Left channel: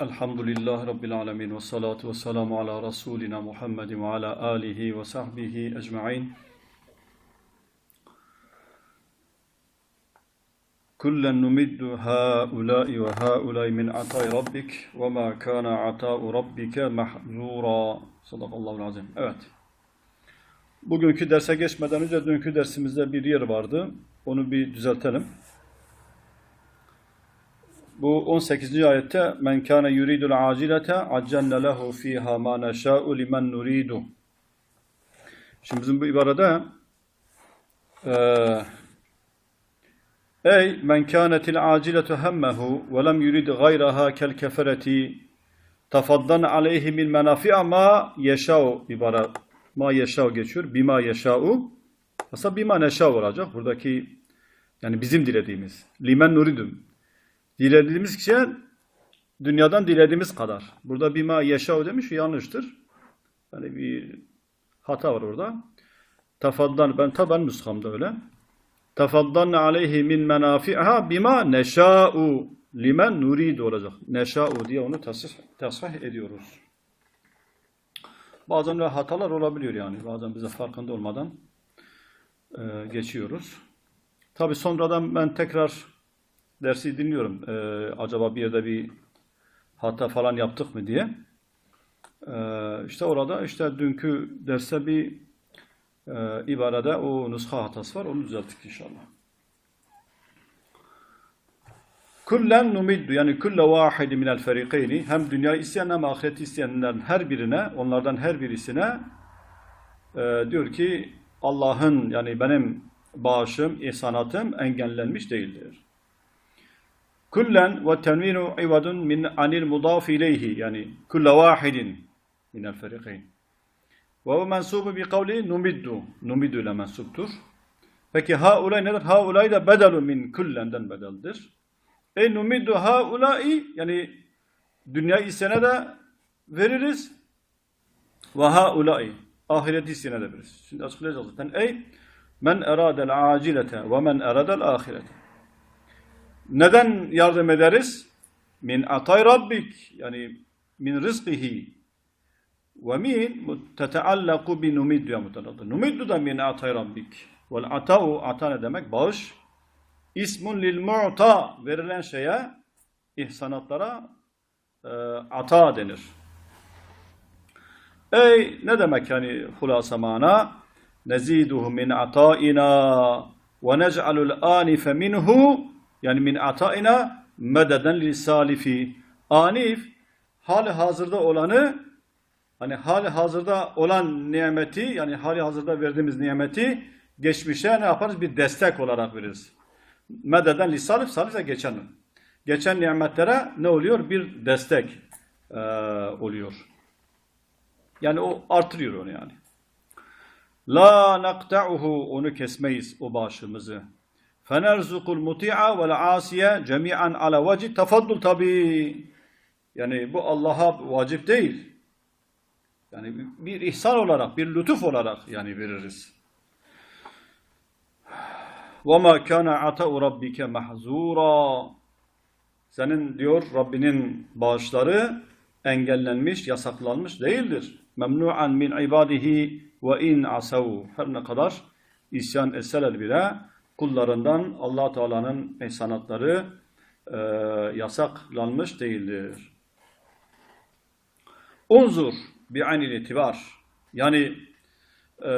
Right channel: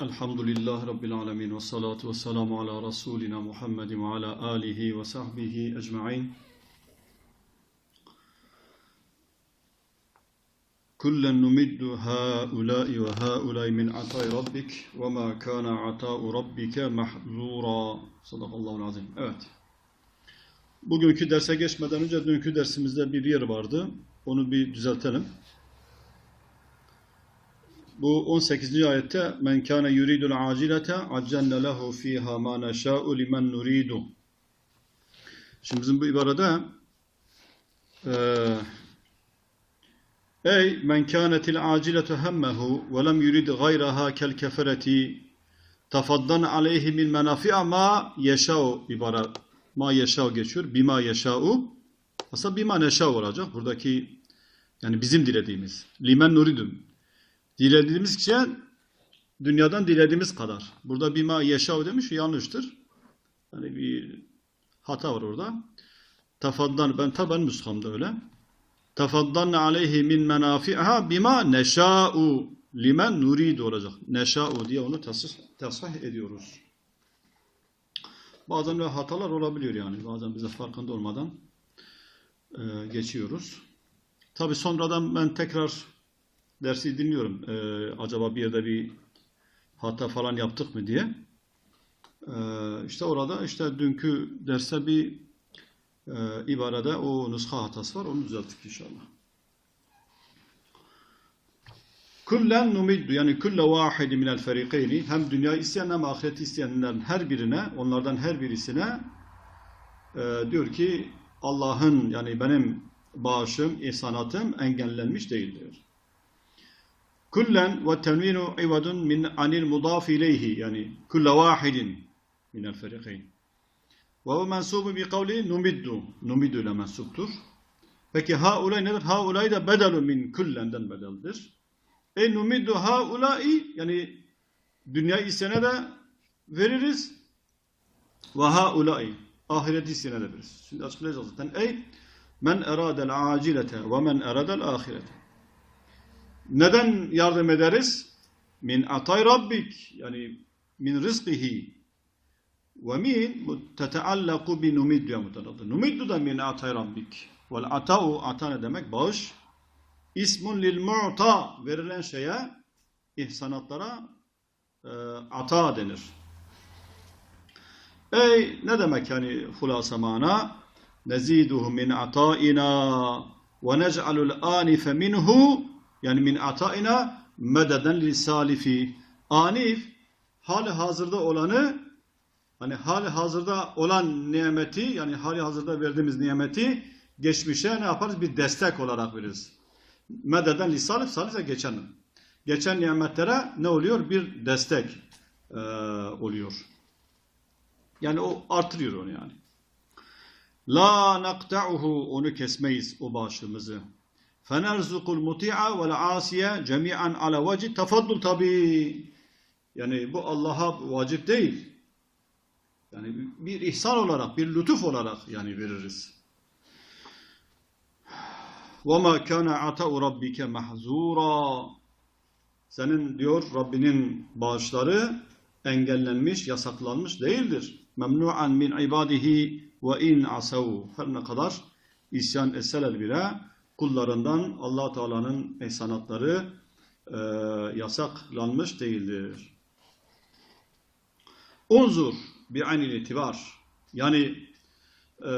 Elhamdülillahi Rabbil alemin ve salatu ve selamu ala Resulina Muhammedin ve ala alihi ve sahbihi ecma'in. Kullen numiddu haulai ve haulai min atay rabbik ve ma kana ata'u rabbike mahzura. Sadakallahu azim. Evet. Bugünkü derse geçmeden önce dünkü dersimizde bir yer vardı. Onu bir düzeltelim. Bu 18. ayette men kana yuridul acilete accelne lehu fiha ma neşâ'u limen nuridu. Şimdi bizim bu ibarede eee Ey men kânetil aciletu hemmehu ve lem yurid gayraha kel kefereti tafaddan aleyhi min menafi'a ma yeşâ'u ibare ma yeşâ'u geçiyor. Bima yeşâ'u aslında bima neşâ'u olacak. Buradaki yani bizim dilediğimiz. Limen nuridum. Dilediğimiz şey dünyadan dilediğimiz kadar. Burada bima yeşav demiş yanlıştır. Yani bir hata var orada. Tafaddan ben tabi ben nüshamda öyle. Tafaddan aleyhi min menafi'ha bima neşa'u limen nuridu olacak. Neşa'u diye onu tasih, tasih ediyoruz. Bazen öyle hatalar olabiliyor yani. Bazen bize farkında olmadan e, geçiyoruz. Tabi sonradan ben tekrar dersi dinliyorum. Ee, acaba bir yerde bir hata falan yaptık mı diye. Ee, işte orada işte dünkü derste bir e, ibarede o nuska hatası var. Onu düzelttik inşallah. Kullen numiddu yani kulle vahidi minel ferikeyni hem dünya isteyen hem ahiret isteyenlerin her birine onlardan her birisine e, diyor ki Allah'ın yani benim bağışım, ihsanatım engellenmiş değildir. Kullen ve tenvinu ivadun min anil mudaf ileyhi yani kulle vahidin minel ferikayn. Ve o mensubu bi kavli numiddu. Numiddu ile mensuptur. Peki haulay nedir? Haulay da bedelun min kullenden bedeldir. E numiddu haulai yani dünya isteyene de veririz. Ve haulai ahiret isteyene de veririz. Şimdi açıklayacağız zaten. Ey men eradel acilete ve men eradel ahirete. Neden yardım ederiz? Min atay rabbik yani min rizkihi ve min teteallaku bi numiddu ya mutaladı. Numiddu da min atay rabbik. Vel ata'u ata ne demek? Bağış. İsmun lil mu'ta verilen şeye ihsanatlara e, ata denir. Ey ne demek yani hulasa mana? Neziduhu min ataina ve nec'alul anife minhu yani min ataina mededen li salifi. Anif hali hazırda olanı hani hali hazırda olan nimeti yani hali hazırda verdiğimiz nimeti geçmişe ne yaparız? Bir destek olarak veririz. Mededen li salif, salif de geçen. Geçen nimetlere ne oluyor? Bir destek e, oluyor. Yani o artırıyor onu yani. La nakta'uhu onu kesmeyiz o bağışımızı Fenerzukul muti'a vel asiye cemi'an ala vecih tefaddul tabi. Yani bu Allah'a vacip değil. Yani bir ihsan olarak, bir lütuf olarak yani veririz. وَمَا كَانَ عَتَاءُ رَبِّكَ مَحْزُورًا Senin diyor Rabbinin bağışları engellenmiş, yasaklanmış değildir. Memnu'an min ibadihi ve in asav. Her ne kadar isyan etseler bile kullarından allah Teala'nın ihsanatları e, yasaklanmış değildir. Unzur bi aynil itibar. Yani e,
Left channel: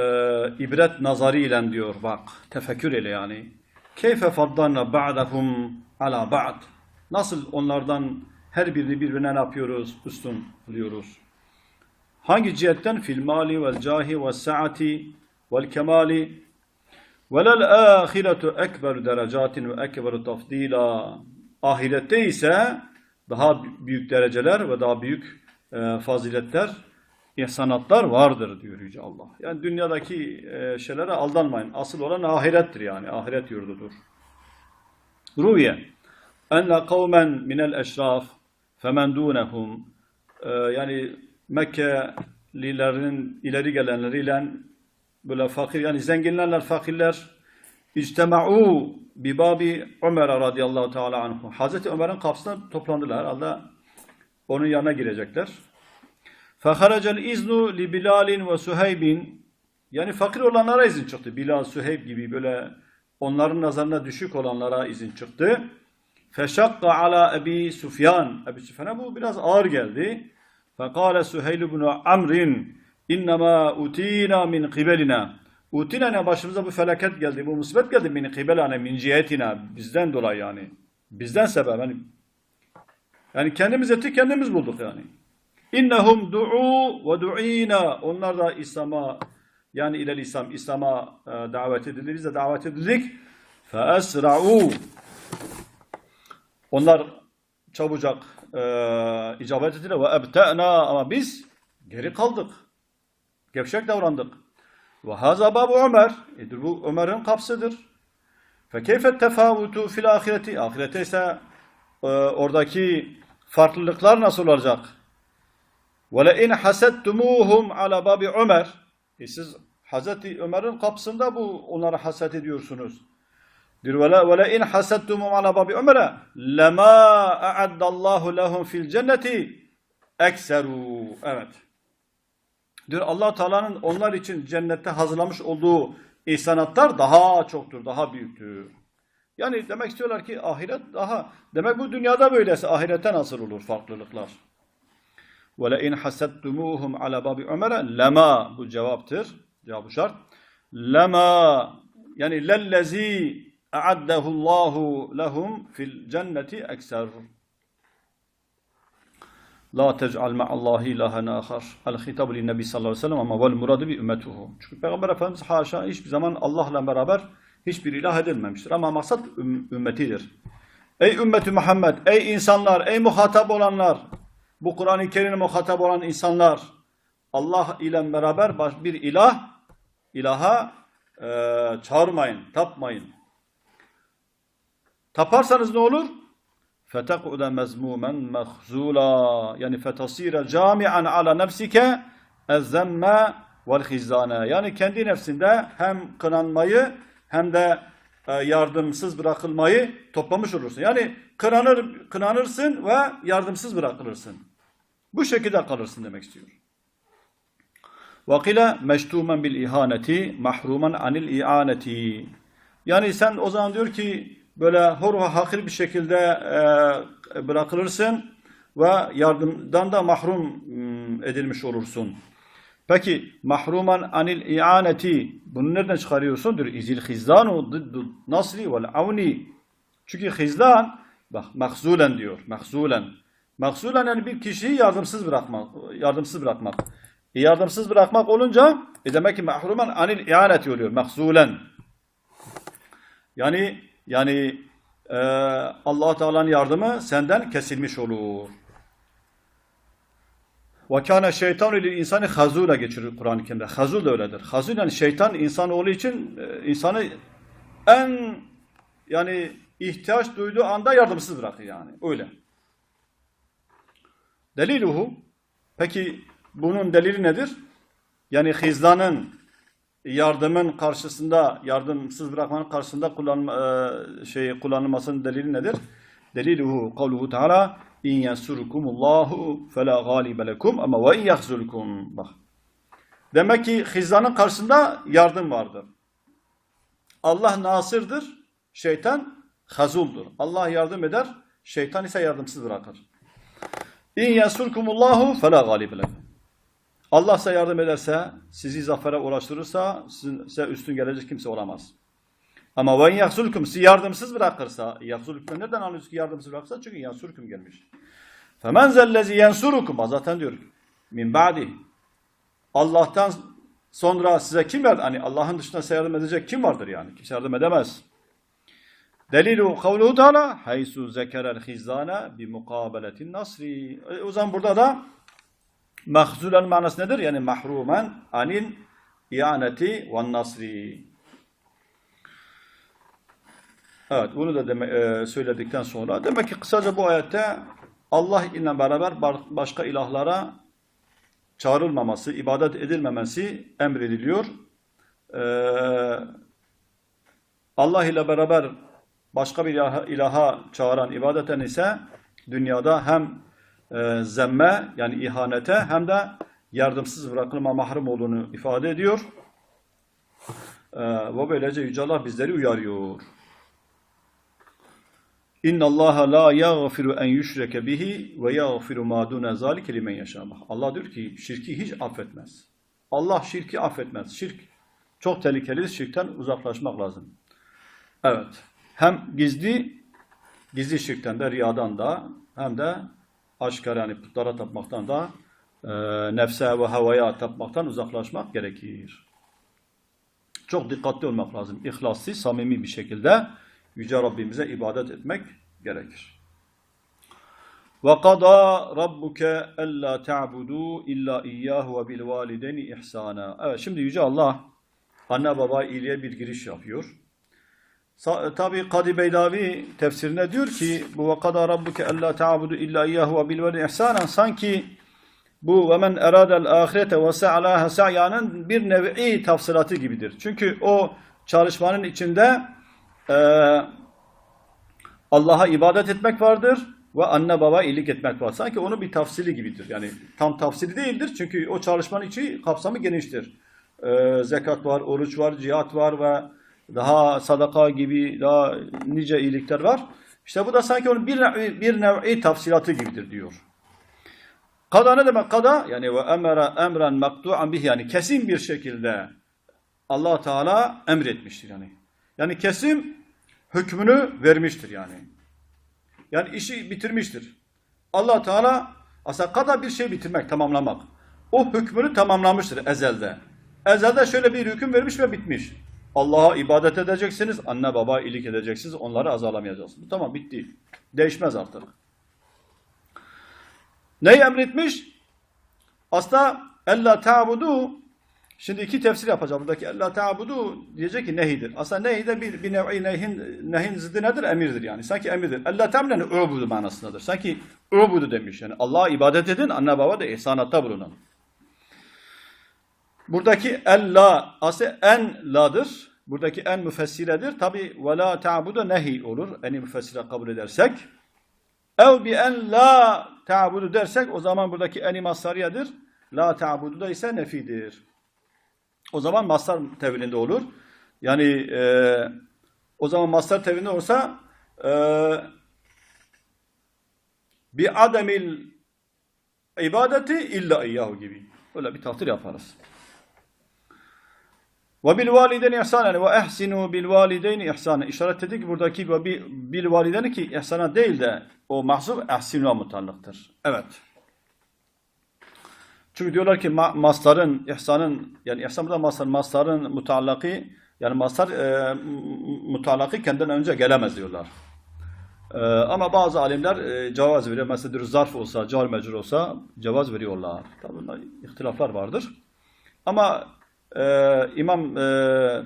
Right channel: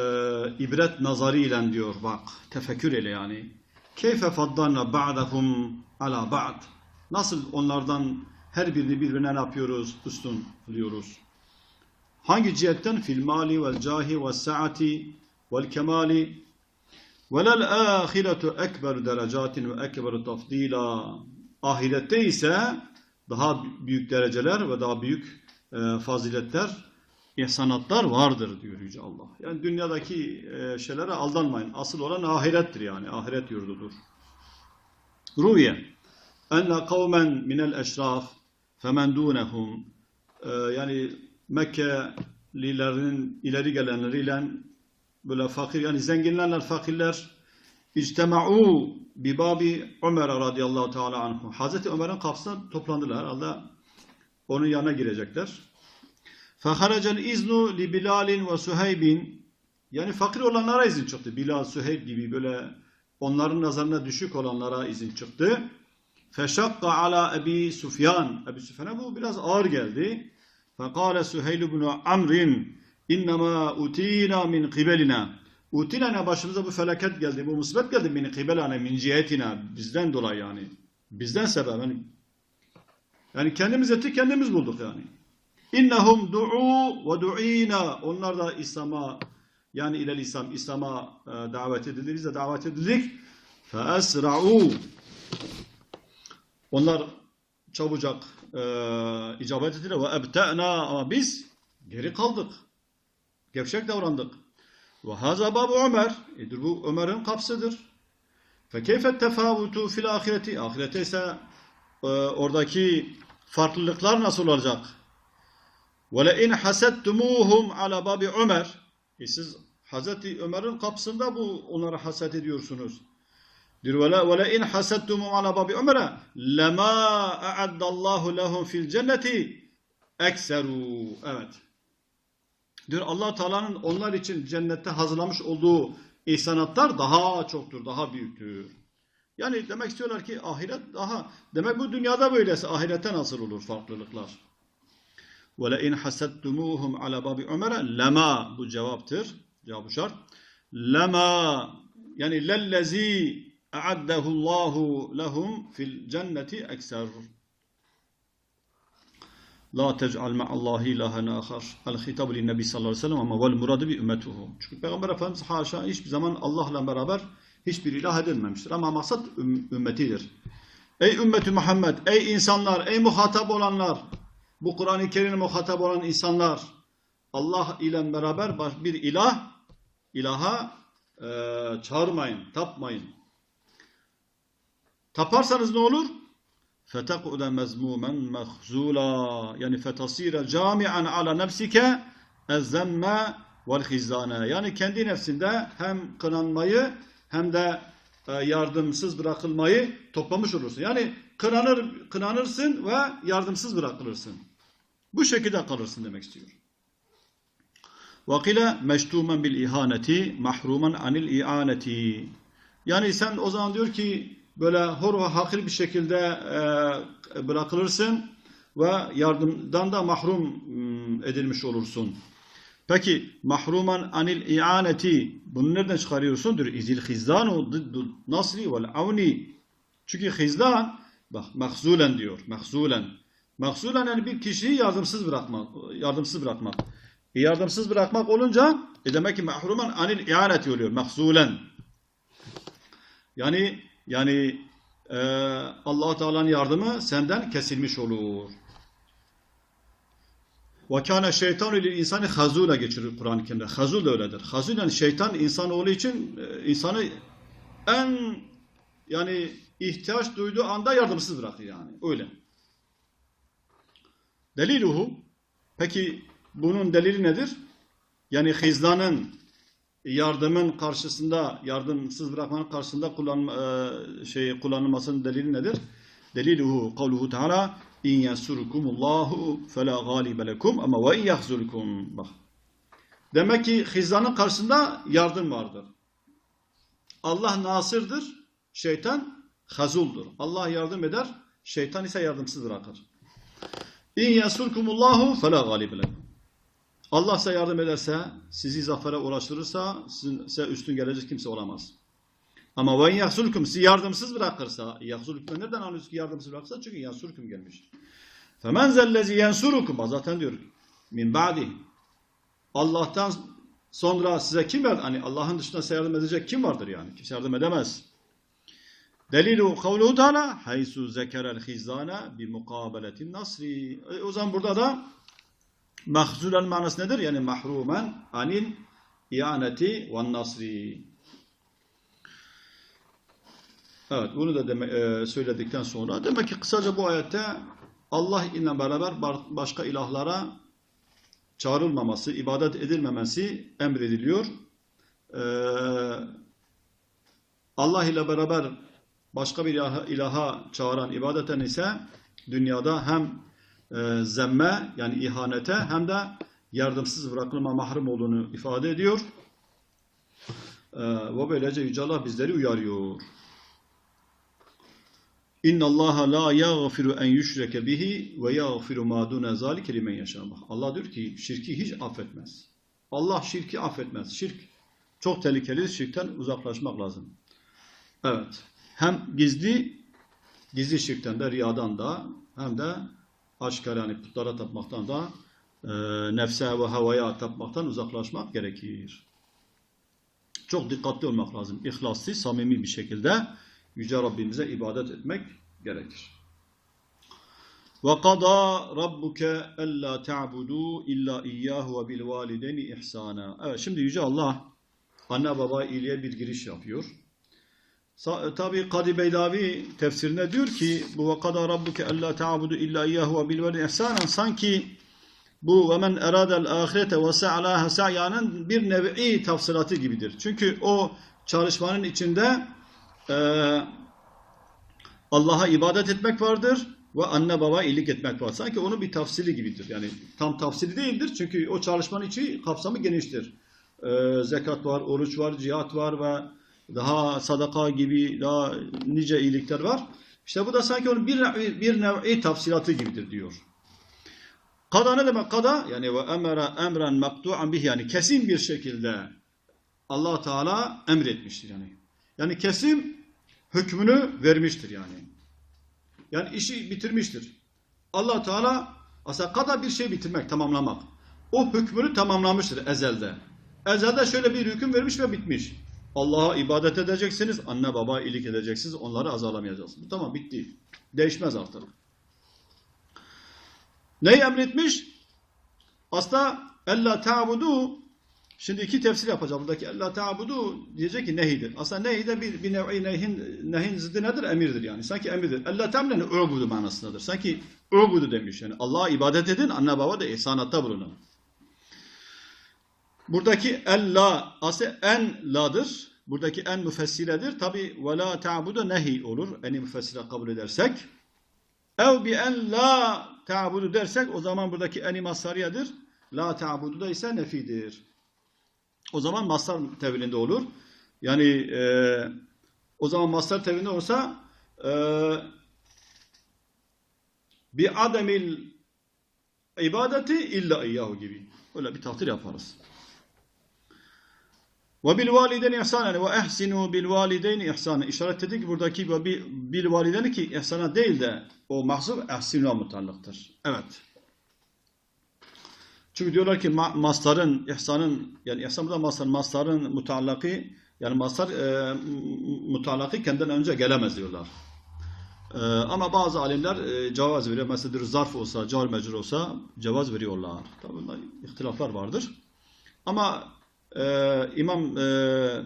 ibret nazarıyla diyor bak tefekkür ile yani. Keyfe faddanna ba'dahum ala ba'd. Nasıl onlardan her birini birbirine ne yapıyoruz? Üstün alıyoruz. Hangi cihetten? Fil mali vel cahi ve saati vel kemali velel ahiretu ekber derecatin ve ekber tafdila. Ahirette ise daha büyük dereceler ve daha büyük e, faziletler, ihsanatlar vardır diyor Yüce Allah. Yani dünyadaki e, şeylere aldanmayın. Asıl olan ahirettir yani. Ahiret yurdudur. Ruye enne kavmen minel eşraf femen dunehum e, yani Mekkelilerin ileri gelenleriyle böyle fakir yani zenginlerle fakirler İctema'u bi babi Ömer radıyallahu teala anhu. Hazreti Ömer'in kapısına toplandılar. Herhalde onun yanına girecekler. Feharacel iznu li Bilalin ve Suheybin. Yani fakir olanlara izin çıktı. Bilal, Suheyb gibi böyle onların nazarına düşük olanlara izin çıktı. Feşakka ala Ebi Sufyan. Ebi Sufyan'a bu biraz ağır geldi. Fekale Suheyl ibn Amr'in. İnnemâ utina min kibelina. Utina ne başımıza bu felaket geldi, bu musibet geldi min kibelana min cihetina. Bizden dolayı yani. Bizden sebep. Yani, yani kendimiz ettik, kendimiz bulduk yani. İnnehum du'u ve du'ina. Onlar da İslam'a yani ilel İslam, İslam'a e, davet edildi. Biz de davet edildik. Feesra'u. Onlar çabucak e, icabet ettiler ve ebte'na ama biz geri kaldık. Gevşek davrandık. Ve haza babu Ömer. Edir bu Ömer'in kapsıdır. Fe keyfet tefavutu fil ahireti. Ahirete ise e, oradaki farklılıklar nasıl olacak? Ve le in hasettumuhum ala babi Ömer. E siz Hazreti Ömer'in kapısında bu onlara haset ediyorsunuz. Diyor ve le in hasettumum ala babi Ömer'e lema a'addallahu lehum fil cenneti ekseru. Evet. Diyor allah Teala'nın onlar için cennette hazırlamış olduğu ihsanatlar daha çoktur, daha büyüktür. Yani demek istiyorlar ki ahiret daha, demek bu dünyada böylese ahirette nasıl olur farklılıklar? وَلَاِنْ حَسَدْتُمُوهُمْ عَلَى بَابِ عُمَرَ lema bu cevaptır. Cevabı şart. Lema yani lellezi اَعَدَّهُ اللّٰهُ لَهُمْ fil cenneti ekser. La tec'al ma'allahi ilahen ahar. El hitabu lin nebi sallallahu aleyhi ve sellem ama vel muradu bi ümmetuhu. Çünkü Peygamber Efendimiz haşa hiçbir zaman Allah'la beraber hiçbir ilah edilmemiştir. Ama maksat üm- ümmetidir. Ey ümmeti Muhammed, ey insanlar, ey muhatap olanlar, bu Kur'an-ı Kerim'e muhatap olan insanlar, Allah ile beraber bir ilah, ilaha e, çağırmayın, tapmayın. Taparsanız ne olur? fetekude mezmumen mehzula yani fetasire camian ala nefsike ezzemme vel hizane yani kendi nefsinde hem kınanmayı hem de e, yardımsız bırakılmayı toplamış olursun. Yani kınanır, kınanırsın ve yardımsız bırakılırsın. Bu şekilde kalırsın demek istiyor. Vakile meştumen bil ihaneti mahruman anil ianeti. Yani sen o zaman diyor ki böyle hor ve hakir bir şekilde e, bırakılırsın ve yardımdan da mahrum mm, edilmiş olursun. Peki mahruman anil i'aneti bunu nereden çıkarıyorsun? Diyor izil hizlanu dıddu nasri vel avni. Çünkü hizlan bak mahzulen diyor. Mahzulen. Mahzulen yani bir kişiyi yardımsız bırakmak. Yardımsız bırakmak. E, yardımsız bırakmak olunca e demek ki mahruman anil i'aneti oluyor. Mahzulen. Yani yani e, allah Teala'nın yardımı senden kesilmiş olur. Kâne şeytanu lil insani hazûla geçirir Kur'an-ı Kerim'de. Hazul da öyledir. Hazul yani şeytan insan olduğu için e, insanı en yani ihtiyaç duyduğu anda yardımsız bırakır yani. Öyle. Deliluhu peki bunun delili nedir? Yani hizlanın yardımın karşısında yardımsız bırakmanın karşısında kullanma, e, şey kullanılmasının delili nedir? Deliluhu kavluhu teala in yansurukumullahu fela galibe lekum ama ve in yahzulkum. Bak. Demek ki hizlanın karşısında yardım vardır. Allah nasırdır, şeytan hazuldur. Allah yardım eder, şeytan ise yardımsız bırakır. İn yansurkumullahu fela galibe lekum. Allah size yardım ederse, sizi zafere ulaştırırsa, sizin, size üstün gelecek kimse olamaz. Ama ve yahsulkum sizi yardımsız bırakırsa, yahsulkum nereden anlıyoruz ki yardımsız bırakırsa? Çünkü yansurkum gelmiş. Femen zellezi yansurukum. Zaten diyor min ba'di. Allah'tan sonra size kim verdi? Hani Allah'ın dışında size yardım edecek kim vardır yani? Kimse yardım edemez. Delilu kavluhu teala haysu zekerel hizana bi mukabeletin nasri. E, o zaman burada da mahzulen manası nedir? Yani mahrumen anil ianeti ve nasri. Evet bunu da deme, e, söyledikten sonra demek ki kısaca bu ayette Allah ile beraber başka ilahlara çağrılmaması, ibadet edilmemesi emrediliyor. Ee, Allah ile beraber başka bir ilaha, ilaha çağıran ibadeten ise dünyada hem e, zemme yani ihanete hem de yardımsız bırakılma mahrum olduğunu ifade ediyor. E, ve böylece Yüce Allah bizleri uyarıyor. İnna Allah la yaghfiru en yushrake bihi ve yaghfiru ma dun zalike limen yasha. Allah diyor ki şirki hiç affetmez. Allah şirki affetmez. Şirk çok tehlikeli. Şirkten uzaklaşmak lazım. Evet. Hem gizli gizli şirkten de riyadan da hem de aşikar yani putlara tapmaktan da e, nefse ve havaya tapmaktan uzaklaşmak gerekir. Çok dikkatli olmak lazım. İhlaslı, samimi bir şekilde Yüce Rabbimize ibadet etmek gerekir. وَقَضَى رَبُّكَ أَلَّا تَعْبُدُوا إِلَّا إِيَّاهُ وَبِالْوَالِدَيْنِ إِحْسَانًا Evet şimdi Yüce Allah anne baba iyiliğe bir giriş yapıyor. E, Tabi Kadı Beydavi tefsirine diyor ki bu ve kada rabbuke alla ta'budu illa iyyahu ve bil veli sanki bu ve men eradel ahirete ve sa'laha sa'yanın bir nevi tafsilatı gibidir. Çünkü o çalışmanın içinde e, Allah'a ibadet etmek vardır ve anne baba iyilik etmek var. Sanki onun bir tafsili gibidir. Yani tam tafsili değildir çünkü o çalışmanın içi kapsamı geniştir. E, zekat var, oruç var, cihat var ve daha sadaka gibi daha nice iyilikler var. İşte bu da sanki onun bir nevi, bir nevi tafsilatı gibidir diyor. Kada ne demek kada? Yani ve emra emren maktu'an bih yani kesin bir şekilde Allah Teala emretmiştir yani. Yani kesin hükmünü vermiştir yani. Yani işi bitirmiştir. Allah Teala aslında kada bir şey bitirmek, tamamlamak. O hükmünü tamamlamıştır ezelde. Ezelde şöyle bir hüküm vermiş ve bitmiş. Allah'a ibadet edeceksiniz, anne baba iyilik edeceksiniz, onları azarlamayacaksınız. Tamam bitti. Değişmez artık. Neyi emretmiş? Aslında ella ta'budu Şimdi iki tefsir yapacağım. Buradaki ella ta'budu diyecek ki nehidir. Aslında nehi de bir, bir nevi nehin, nehin zıddı nedir? Emirdir yani. Sanki emirdir. Ella temleni ubudu manasındadır. Sanki ubudu demiş yani. Allah'a ibadet edin, anne baba da ihsanatta bulunun. Buradaki ella aslında en ladır. Buradaki en müfessiredir. Tabi ve la ta'budu nehi olur. Eni müfessire kabul edersek. Ev bi en la ta'budu dersek o zaman buradaki eni masariyedir. La ta'budu da ise nefidir. O zaman mastar tevilinde olur. Yani e, o zaman mastar tevilinde olsa e, bi ademil ibadeti illa iyyahu gibi. Öyle bir tahtir yaparız. Ve bil valideyni ihsanen ve ehsinu bil valideyni ihsanen. İşaret etti ki buradaki ve bil valideyni ki ihsana değil de o mahzuf ehsinu mutallıktır. Evet. Çünkü diyorlar ki ma mastarın, ihsanın, yani ihsan burada mastar, mastarın mutallaki, yani mastar e, mutallaki kendinden önce gelemez diyorlar. E, ama bazı alimler e, cevaz veriyor. Mesela diyor, zarf olsa, car mecrur olsa cevaz veriyorlar. Tabi ihtilaflar vardır. Ama e, İmam e,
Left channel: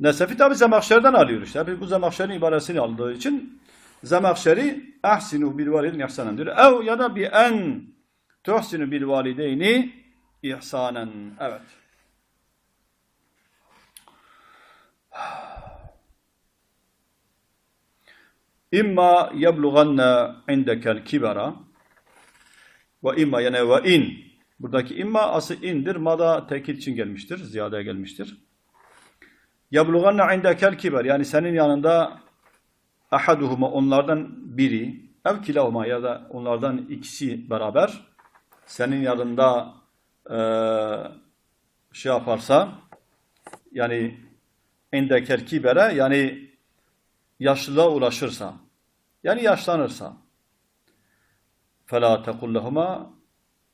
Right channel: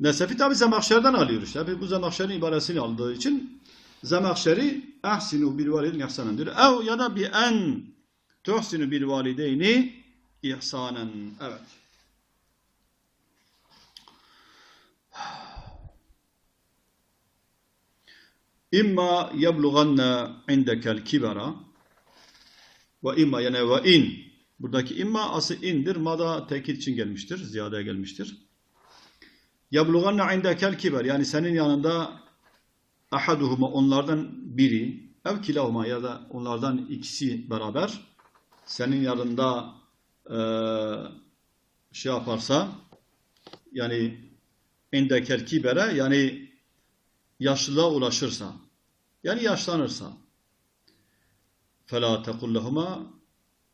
Nesefi tabi Zemahşer'den alıyor işte. Bu Zemahşer'in ibaresini aldığı için Zemahşer'i ahsinu bil validin ihsanen diyor. Ev ya da bi en tuhsinu bil valideyni ihsanen. Evet. İmma yeblughanna indekel kibara ve imma yani ve in. Buradaki imma ası indir. Mada tekit için gelmiştir. Ziyadeye gelmiştir. Yabluganna indekel kiber. Yani senin yanında ahaduhuma onlardan biri ev kilahuma ya da onlardan ikisi beraber senin yanında e, şey yaparsa yani indekel kibere yani yaşlılığa ulaşırsa yani yaşlanırsa fela tequllahuma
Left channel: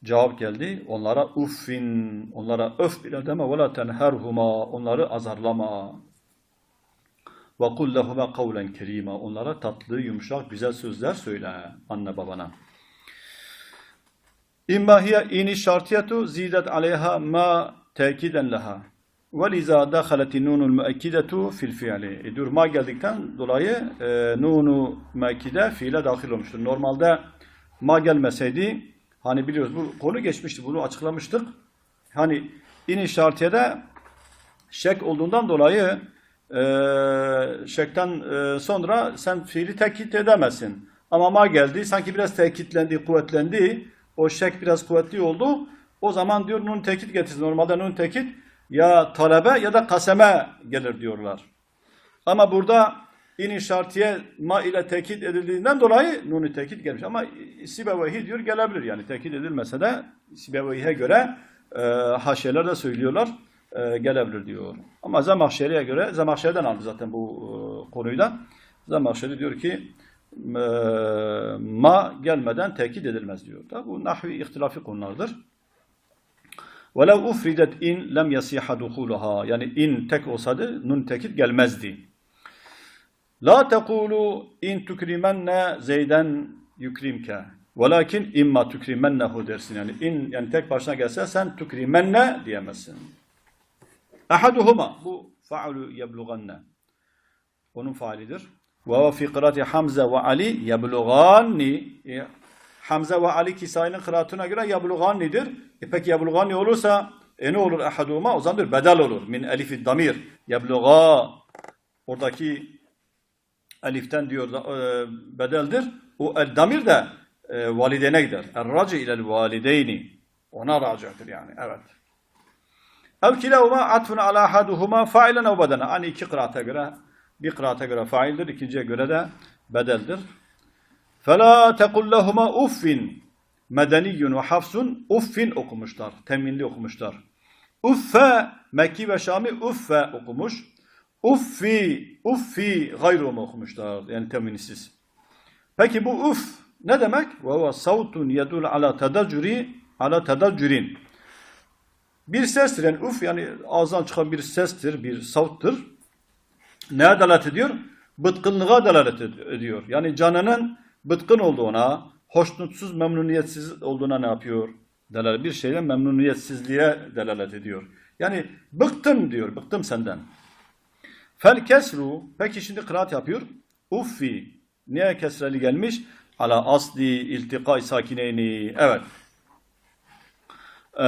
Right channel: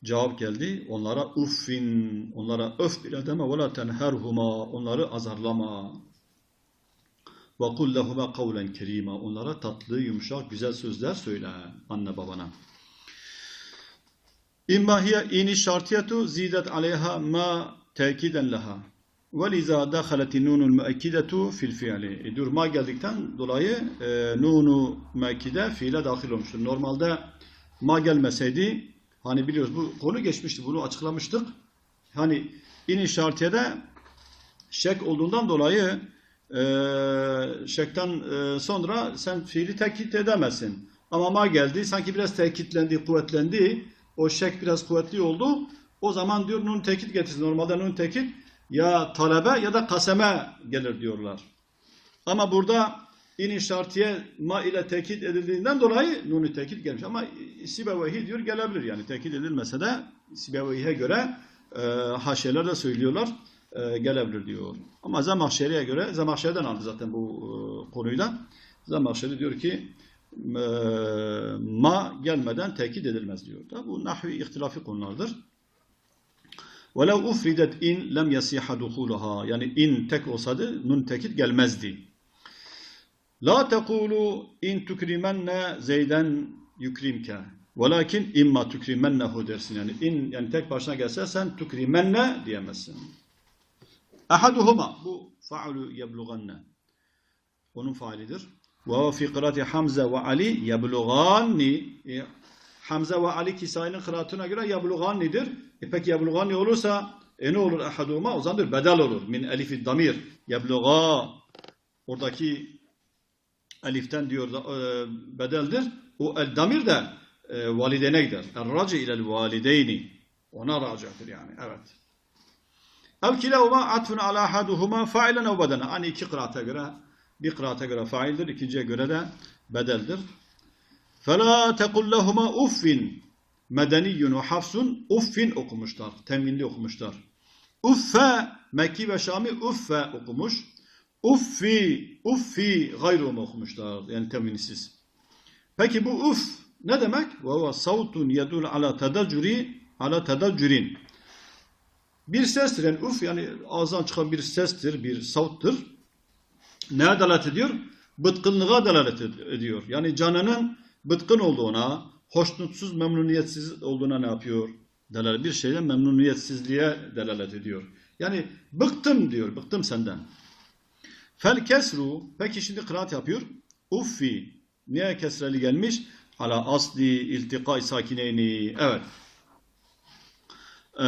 cevap geldi. Onlara uffin, onlara öf bile deme ve la tenherhuma, onları azarlama. Ve kul lehuma kavlen kerima, onlara tatlı, yumuşak, güzel sözler söyle anne babana. İmma hiye ini şartiyetu zidet aleyha ma tekiden leha. Ve liza dakhaleti nunul müekkidetu fil fiili. E, durma geldikten dolayı e, nunu müekkide fiile dahil olmuştur. Normalde ma gelmeseydi hani biliyoruz bu konu geçmişti bunu açıklamıştık. Hani ini şartiyede şek olduğundan dolayı e, şekten e, sonra sen fiili tekit edemezsin. Ama ma geldi. Sanki biraz tekitlendi, kuvvetlendi. O şek biraz kuvvetli oldu. O zaman diyor nun tekit getirsin. Normalde nun tekit ya talebe ya da kaseme gelir diyorlar. Ama burada in şartiye ma ile tekit edildiğinden dolayı nunu tekit gelmiş. Ama Sibevehi diyor gelebilir yani tekit edilmese de Sibevehi'ye göre e, haşiyeler de söylüyorlar e, gelebilir diyor. Ama Zemahşeri'ye göre Zemahşeri'den aldı zaten bu e, konuyu da. Zemahşeri diyor ki e, ma gelmeden tekit edilmez diyor. Da bu nahvi ihtilafi konulardır. وَلَوْ اُفْرِدَتْ in lem yasiha duhuluha. Yani in tek olsaydı nun tekit gelmezdi. La tekulu in tukrimenne zeyden yukrimke. Velakin imma tukrimennehu dersin. Yani in yani tek başına gelse sen tukrimenne diyemezsin. Ahaduhuma bu faulu yebluganne. Onun faalidir. Ve fi kıraati Hamza ve Ali yebluganni. E, Hamza ve Ali Kisai'nin kıraatına göre yeblugannidir. E peki yebluganni olursa e ne olur ahaduhuma? O zaman bedel olur. Min elifi damir. Yebluga. Oradaki eliften diyor e, bedeldir. O el damir de e, validene gider. El raci ilel valideyni. Ona racidir yani. Evet. Ev kilahuma atfun ala ahaduhuma failen ev bedene. Hani iki kıraata göre bir kıraata göre faildir, ikinciye göre de bedeldir. Fela tekul lehuma uffin medeniyyun ve hafsun uffin okumuşlar. Teminli okumuşlar. Uffe Mekki ve Şami uffe okumuş. Uffi, uffi gayru mu okumuşlar. Yani teminsiz. Peki bu uf ne demek? Ve huve savtun yedul ala tedacuri ala tedacurin. Bir sestir yani uf yani ağızdan çıkan bir sestir, bir savttır. Neye delalet ediyor? Bıtkınlığa delalet ed- ediyor. Yani canının bıtkın olduğuna, hoşnutsuz, memnuniyetsiz olduğuna ne yapıyor? Delalet bir şeyle memnuniyetsizliğe delalet ediyor. Yani bıktım diyor, bıktım senden. Fel kesru, peki şimdi kıraat yapıyor. Uffi, niye kesreli gelmiş? Ala asli iltika sakineyni. Evet. Ee,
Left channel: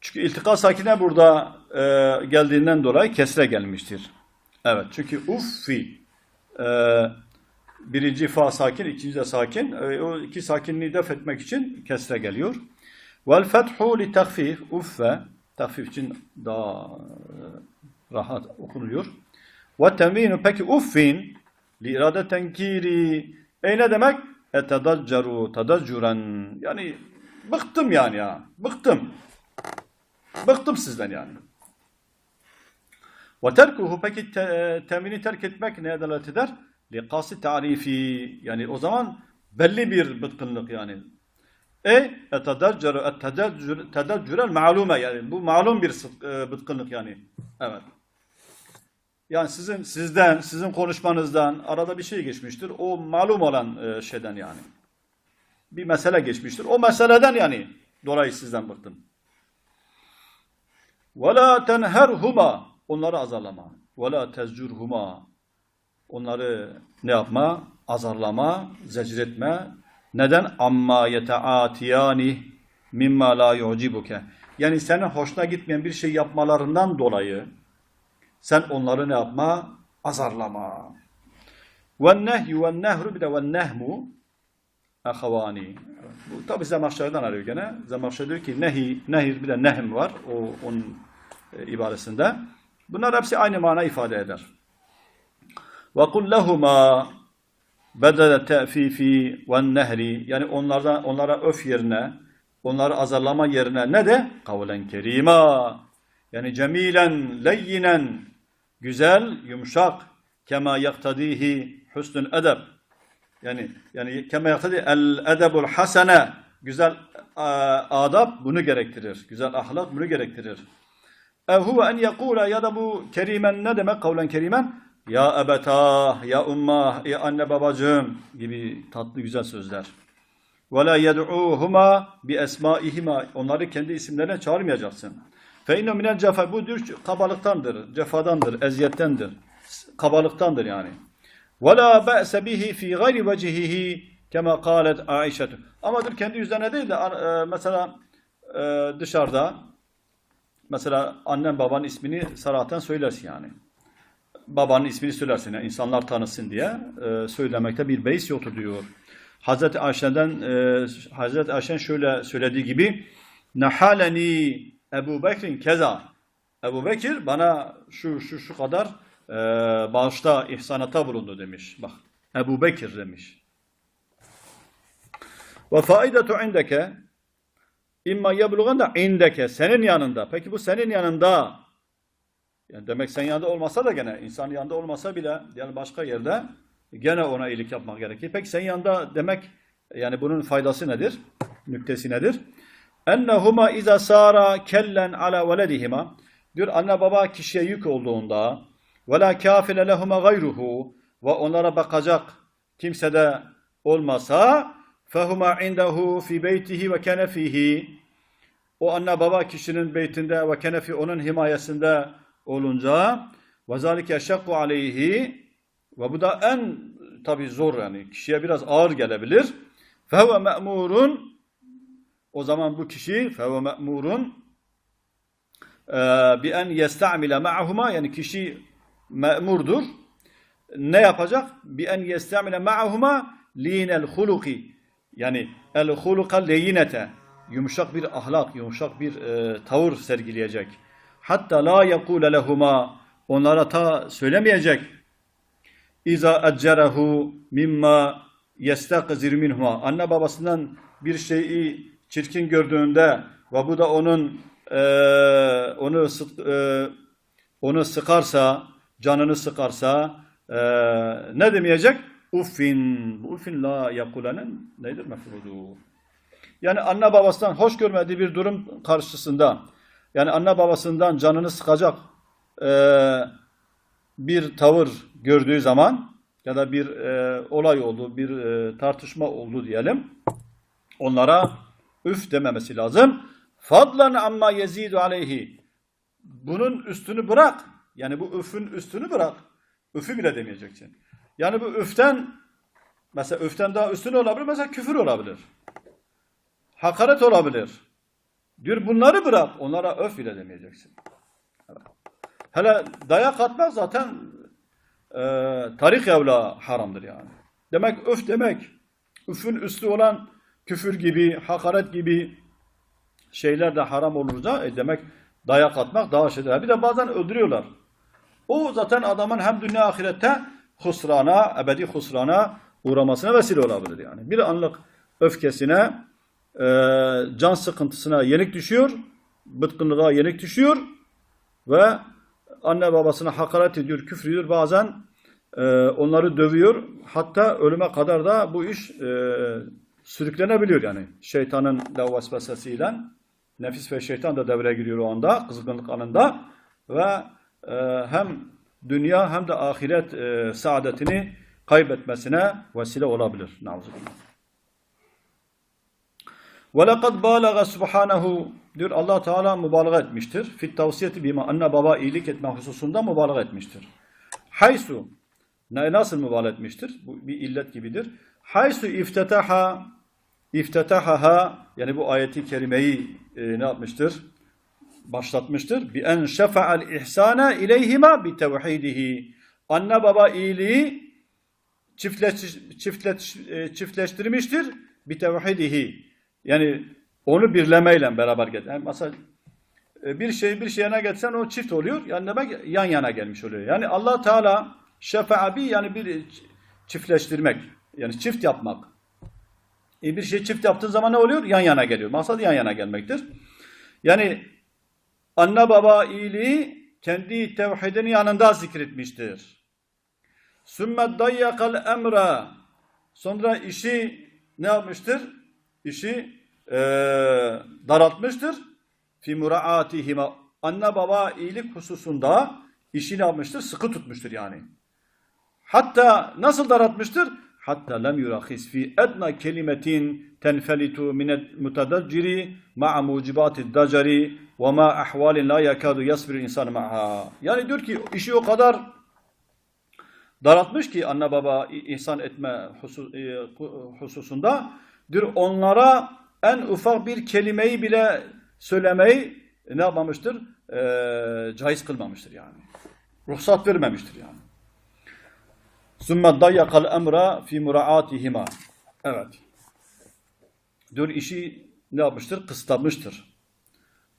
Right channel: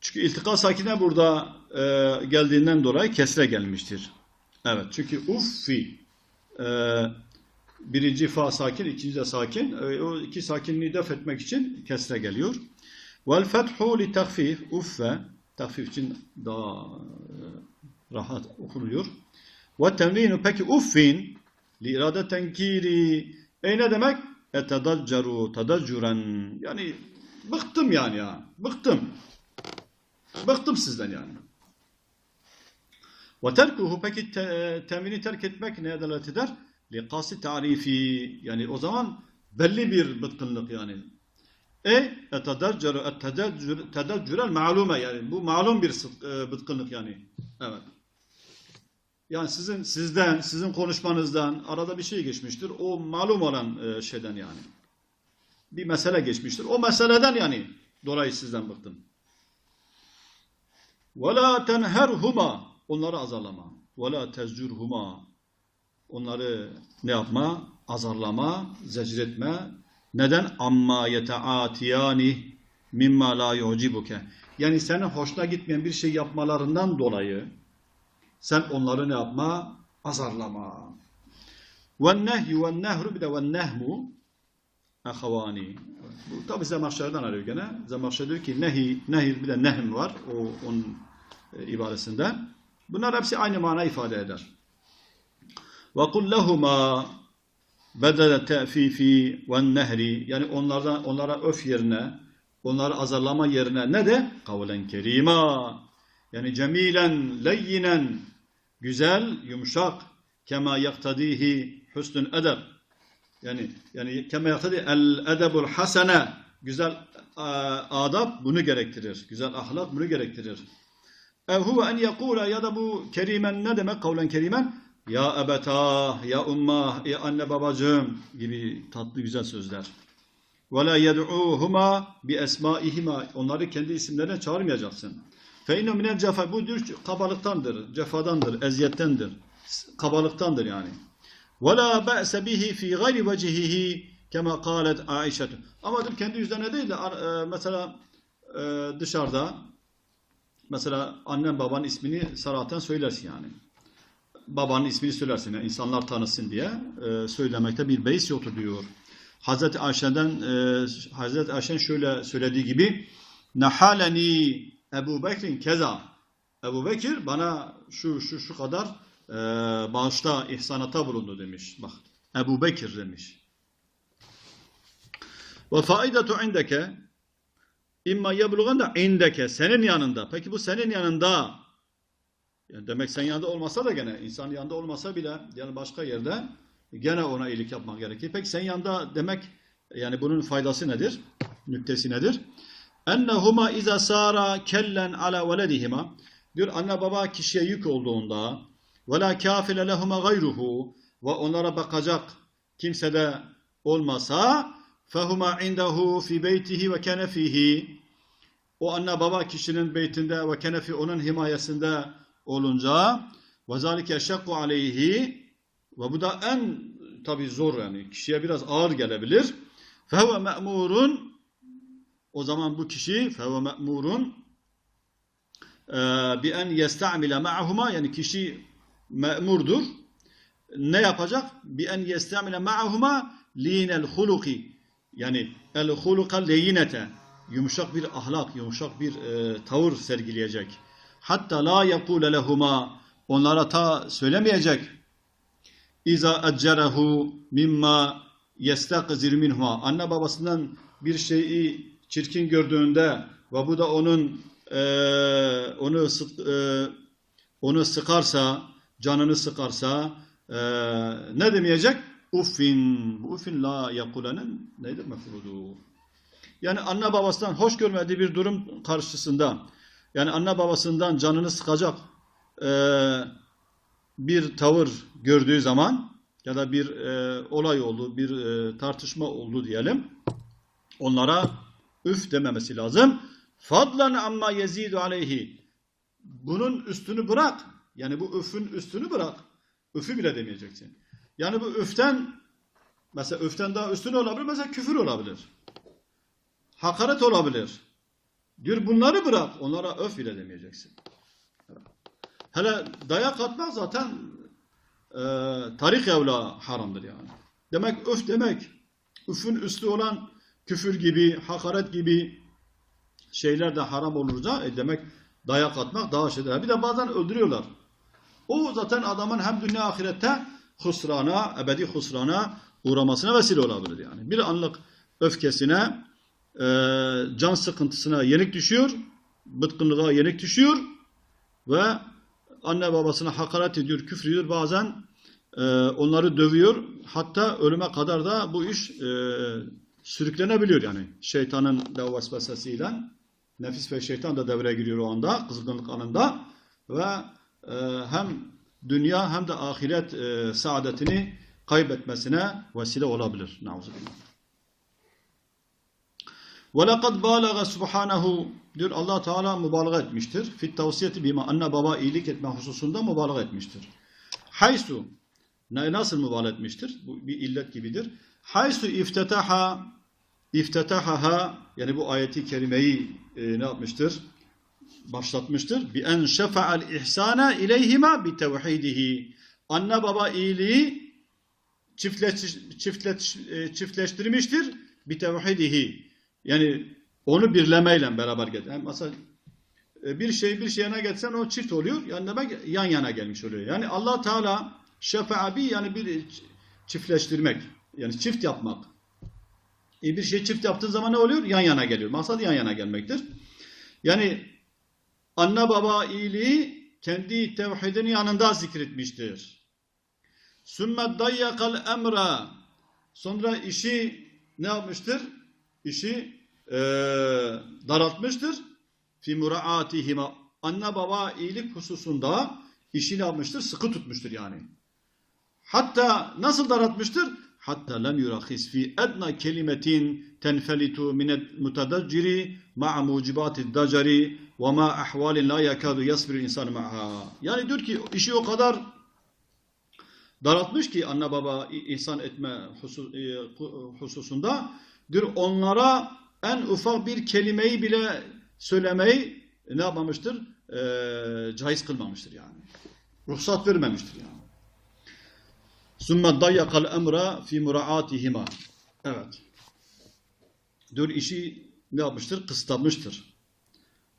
çünkü iltika sakine burada e, geldiğinden dolayı kesre gelmiştir. Evet çünkü uffi e, birinci fa sakin, ikinci de sakin. E, o iki sakinliği def etmek için kesre geliyor. Vel fethu li takfif uffe takfif için daha e, rahat okunuyor. Ve tenvinu peki uffin li irade tenkiri e ne demek? Etedaccaru tedaccuren yani bıktım yani ya bıktım. Bıktım sizden yani. Ve terkuhu peki te, temini terk etmek neye delalet eder? Liqası tarifi yani o zaman belli bir bıtkınlık yani. E etedaccaru etedaccural ma'lume yani bu malum bir e, bıtkınlık yani. Evet. Yani sizin sizden, sizin konuşmanızdan arada bir şey geçmiştir. O malum olan e, şeyden yani. Bir mesele geçmiştir. O meseleden yani dolayı sizden bıktım. وَلَا تَنْهَرْهُمَا Onları azarlama. وَلَا تَزْجُرْهُمَا Onları ne yapma? Azarlama, zecretme. Neden? amma yeteatiyani mimma la yucibuke. Yani senin hoşuna gitmeyen bir şey yapmalarından dolayı sen onları ne yapma? Azarlama. Ve nehyu ve nehru bir de ve nehmu ahavani. Bu tabi Zemahşer'den arıyor gene. Zemahşer diyor ki nehi, nehir bir de nehm var o onun e, ibaresinde. Bunlar hepsi aynı mana ifade eder. Ve kul lehuma bedele te'fifi ve nehri yani onlardan onlara öf yerine onları azarlama yerine ne de kavlen kerima yani cemilen leyyinen güzel yumuşak kema yaktadihi husnun edeb yani yani kema yaktadi el edebul hasene güzel e, adab bunu gerektirir. Güzel ahlak bunu gerektirir. Ev huve en yekula ya da bu kerimen ne demek kavlen kerimen? Ya ebetah, ya ummah, ya anne babacığım gibi tatlı güzel sözler. Ve la yed'uhuma bi esmaihima. Onları kendi isimlerine çağırmayacaksın. Fe inne minel cefa. Bu diyor kabalıktandır, cefadandır, eziyettendir. Kabalıktandır yani. Ve la be'se bihi fi gayri vecihihi kema kalet Aişe. Ama dur kendi yüzlerine değil de e, mesela e, dışarıda mesela annen babanın ismini saraten söylersin yani. babanın ismini söylersin. Yani insanlar tanısın diye e, söylemekte bir beis yoktur diyor. Hazreti Ayşe'den Hazreti Ayşe'nin şöyle söylediği gibi Nahaleni Ebu Bekir'in keza Ebu Bekir bana şu şu şu kadar e, bağışta ihsanata bulundu demiş. Bak Ebu Bekir demiş. Ve faidetu indeke imma yebluğan da indeke senin yanında. Peki bu senin yanında yani demek sen yanında olmasa da gene insan yanında olmasa bile yani başka yerde gene ona iyilik yapmak gerekir. Peki sen yanında demek yani bunun faydası nedir? Nüktesi nedir? Ennehuma iza sara kellen ala veledihima. Diyor anne baba kişiye yük olduğunda ve la kafile lehuma gayruhu. Ve onlara bakacak kimse de olmasa fehuma indehu fi beytihi ve kenefihi o anne baba kişinin beytinde ve kenefi onun himayesinde olunca ve zalike şakku aleyhi. Ve bu da en tabi zor yani kişiye biraz ağır gelebilir. Fehve me'murun o zaman bu kişi fehve me'murun bi en yesta'mile ma'huma yani kişi me'murdur. Ne yapacak? Bi en yesta'mile ma'huma linel huluki yani el huluka leyinete yumuşak bir ahlak, yumuşak bir e, tavır sergileyecek. Hatta la yekule lehuma onlara ta söylemeyecek. İza eccerehu mimma yestakzir minhuma. Anne babasından bir şeyi çirkin gördüğünde ve bu da onun e, onu e, onu sıkarsa, canını sıkarsa e, ne demeyecek? Uffin. Uffin la yakulenin nedir mefrudu? Yani anne babasından hoş görmediği bir durum karşısında yani anne babasından canını sıkacak e, bir tavır gördüğü zaman ya da bir e, olay oldu, bir e, tartışma oldu diyelim. Onlara üf dememesi lazım. Fadlan amma yezidu aleyhi. Bunun üstünü bırak. Yani bu üfün üstünü bırak. Üfü bile demeyeceksin. Yani bu üften mesela üften daha üstün olabilir. Mesela küfür olabilir. Hakaret olabilir. Diyor bunları bırak. Onlara öf bile demeyeceksin. Hele dayak atmak zaten e, tarik evla haramdır yani. Demek öf demek. Üfün üstü olan küfür gibi, hakaret gibi şeyler de haram olurca e demek dayak atmak daha şeyler. Bir de bazen öldürüyorlar. O zaten adamın hem dünya ahirette husrana, ebedi husrana uğramasına vesile olabilir yani. Bir anlık öfkesine, e, can sıkıntısına yenik düşüyor, bıtkınlığa yenik düşüyor ve anne babasına hakaret ediyor, küfür ediyor. Bazen e, onları dövüyor. Hatta ölüme kadar da bu iş e, sürüklenebiliyor yani. Şeytanın da vesvesesiyle nefis ve şeytan da devreye giriyor o anda, kızgınlık anında ve e, hem dünya hem de ahiret e, saadetini kaybetmesine vesile olabilir. Nauzubillah. Ve lekad balaga subhanahu diyor Allah Teala mübalağa etmiştir. Fit tavsiyeti bima anne baba iyilik etme hususunda mübalağa etmiştir. Haysu ne nasıl mübalağa etmiştir? Bu bir illet gibidir. Haysu iftetaha iftetahaha yani bu ayeti kerimeyi e, ne yapmıştır? Başlatmıştır. Bi en şefa'al ihsana ileyhima bi tevhidihi. Anne baba iyiliği çiftleş, çiftleş, e, çiftleştirmiştir bi tevhidihi. Yani onu birlemeyle beraber get. Yani mesela e, bir şey bir şeyine geçsen o çift oluyor. Yani demek yan yana gelmiş oluyor. Yani Allah Teala şefaabi yani bir çiftleştirmek. Yani çift yapmak. E bir şey çift yaptığın zaman ne oluyor? Yan yana geliyor. Maksat yan yana gelmektir. Yani anne baba iyiliği kendi tevhidini yanında zikretmiştir. Sümme dayyakal emra sonra işi ne yapmıştır? işi e, daraltmıştır. Fi muraatihima anne baba iyilik hususunda işi ne yapmıştır? Sıkı tutmuştur yani. Hatta nasıl daraltmıştır? Hatta lem yurakis fi edna kelimetin tenfelitu minet mutadacciri ma'a mucibati dacari ve ma ahvalin la yakadu yasbir insan ma'ha. Yani diyor ki işi o kadar daraltmış ki anne baba ihsan etme e, hususunda diyor onlara en ufak bir kelimeyi bile söylemeyi ne yapmamıştır? E, caiz kılmamıştır yani. ruhsat vermemiştir yani. Sümme dayyakal emra fi muraatihima. Evet. Diyor işi ne yapmıştır? Kısıtlamıştır.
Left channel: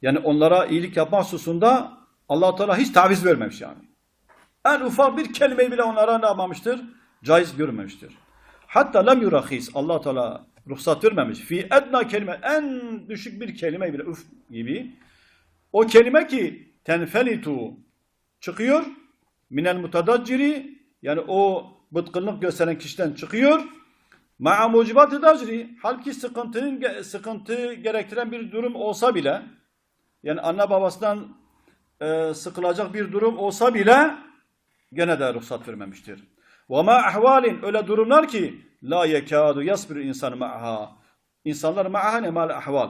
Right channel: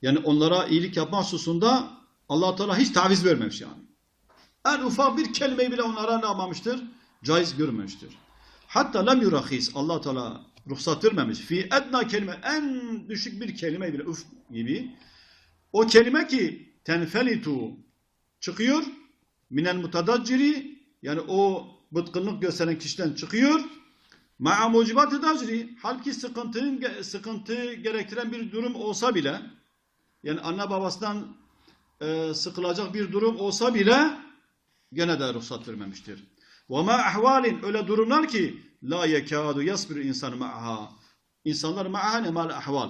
Yani onlara iyilik yapma hususunda allah Teala hiç taviz vermemiş yani. En ufak bir kelimeyi bile onlara ne yapmamıştır? Caiz görmemiştir. Hatta lem yurahis. allah Teala ruhsat vermemiş. Fi edna kelime en düşük bir kelime bile üf gibi. O kelime ki tenfelitu çıkıyor. Minel mutadacciri yani o bıtkınlık gösteren kişiden çıkıyor. Ma'a mucibat-ı dacri halbuki sıkıntının sıkıntı gerektiren bir durum olsa bile yani anne babasından e, sıkılacak bir durum olsa bile gene de ruhsat vermemiştir. Ve ma ahvalin öyle durumlar ki la yekadu yasbiru insanı ma'aha. İnsanlar ma'aha ne mal ahval.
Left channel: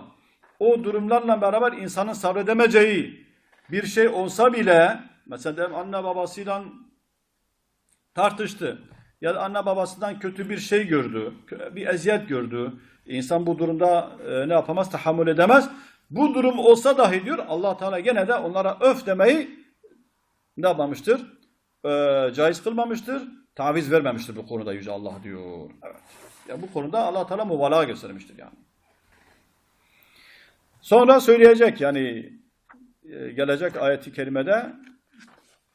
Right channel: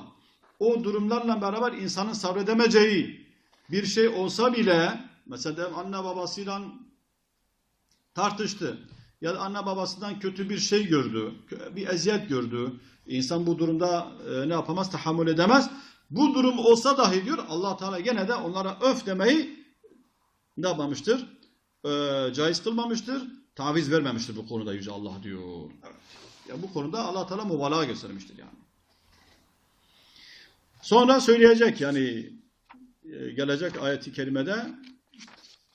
O durumlarla beraber insanın sabredemeyeceği bir şey olsa bile mesela anne babasıyla tartıştı. Ya da anne babasından kötü bir şey gördü. Bir eziyet gördü. İnsan bu durumda e, ne yapamaz? Tahammül edemez. Bu durum olsa dahi diyor allah Teala gene de onlara öf demeyi ne yapmamıştır? Ee, caiz kılmamıştır. Taviz vermemiştir bu konuda Yüce Allah diyor. Evet. Ya bu konuda allah Teala mübalağa göstermiştir yani. Sonra söyleyecek yani e, gelecek ayeti kerimede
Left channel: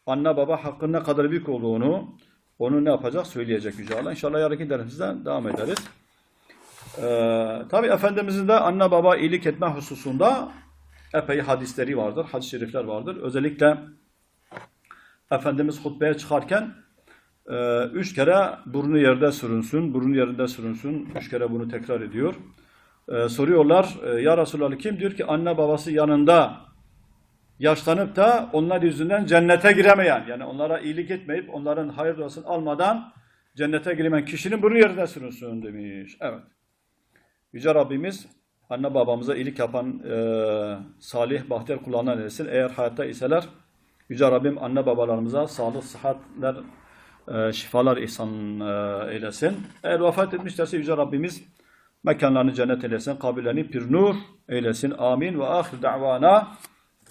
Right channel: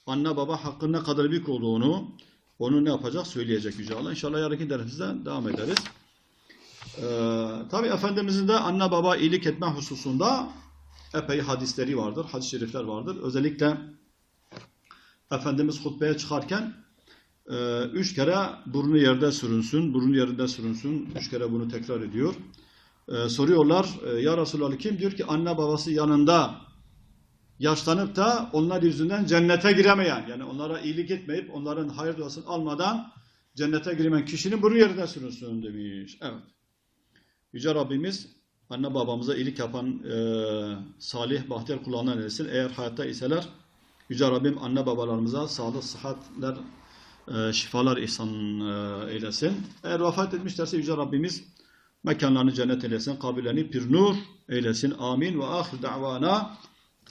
anne baba hakkın ne kadar büyük olduğunu onu ne yapacak söyleyecek Yüce Allah. İnşallah yarınki dersimizde devam ederiz. Ee, Tabi Efendimizin de anne baba iyilik etme hususunda epey hadisleri vardır, hadis-i şerifler vardır. Özellikle Efendimiz hutbeye çıkarken e, üç kere burnu yerde sürünsün, burnu yerinde sürünsün. Üç kere bunu tekrar ediyor. E, soruyorlar, e, ya Resulallah kim? Diyor ki anne babası yanında yaşlanıp da onlar yüzünden cennete giremeyen, yani onlara iyilik etmeyip onların hayır duasını almadan cennete giremeyen kişinin burnu yerinde sürünsün demiş. Evet. Yüce Rabbimiz anne babamıza iyilik yapan e, salih, bahtiyar kullarından eylesin. Eğer hayatta iseler Yüce Rabbim anne babalarımıza sağlık, sıhhatler, e, şifalar ihsan e, eylesin. Eğer vefat etmişlerse Yüce Rabbimiz mekanlarını cennet eylesin, kabirlerini pir nur eylesin. Amin ve ahir da'vana